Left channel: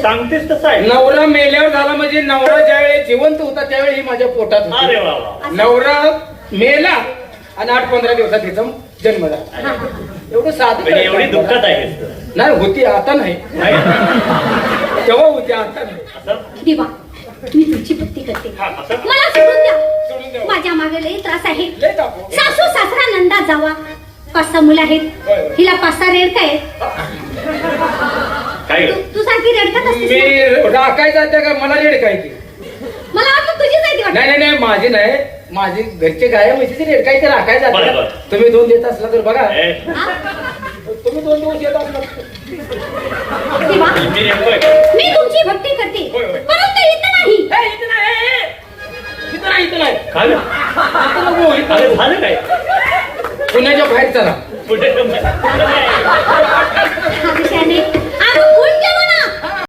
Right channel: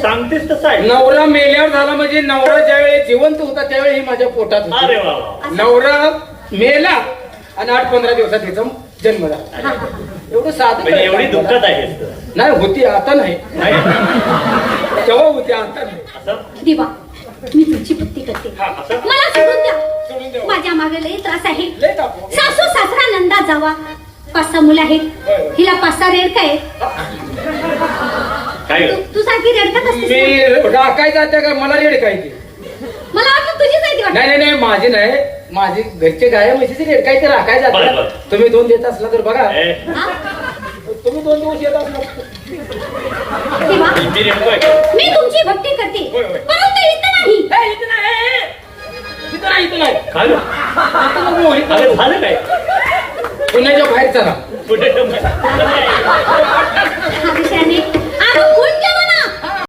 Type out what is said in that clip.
सांगतेस तसं आहे. नवरा मेल्यावर झाला म्हणजे नवरा ज्यावेळी जिवंत होता त्यावेळी माझ्या पोटात होता. अरे वा वा. नवरा मेला आणि 8-15 दिवसात तिचा जन्म झाला. एवढं साधं म्हणजे एवढी दुःखात आहे नाही होती, आता नाही. तेव्हा होती, आता नाही. देवा मी तुमची भक्ती करते, मला सोडून द्या. माझ्या मागे लई त्रास आहे. सासू सासरा नंदा जावा, 5-6 मुलं आहेत. हिला 5-6 रेडका आहेत. तू सारखी रडकत असते. मी राखाय जाते का मला रेड काय की मला वाटतं तुझीच आहे ती वाटतं. नाही नाही माझी नाही, माझी घरचे गाया म्हशीचे रेड काय ते राखाय बरं, जाते. बरं. तुम्ही 2 देत असला तर बघा, हा? तुम्ही 2 दिवस येत असला देवा मी तुमची भक्ती करते, परंतु इथं नाही. झालं काय पुण्याच्या बाहेर चला. कुठे लक्षाने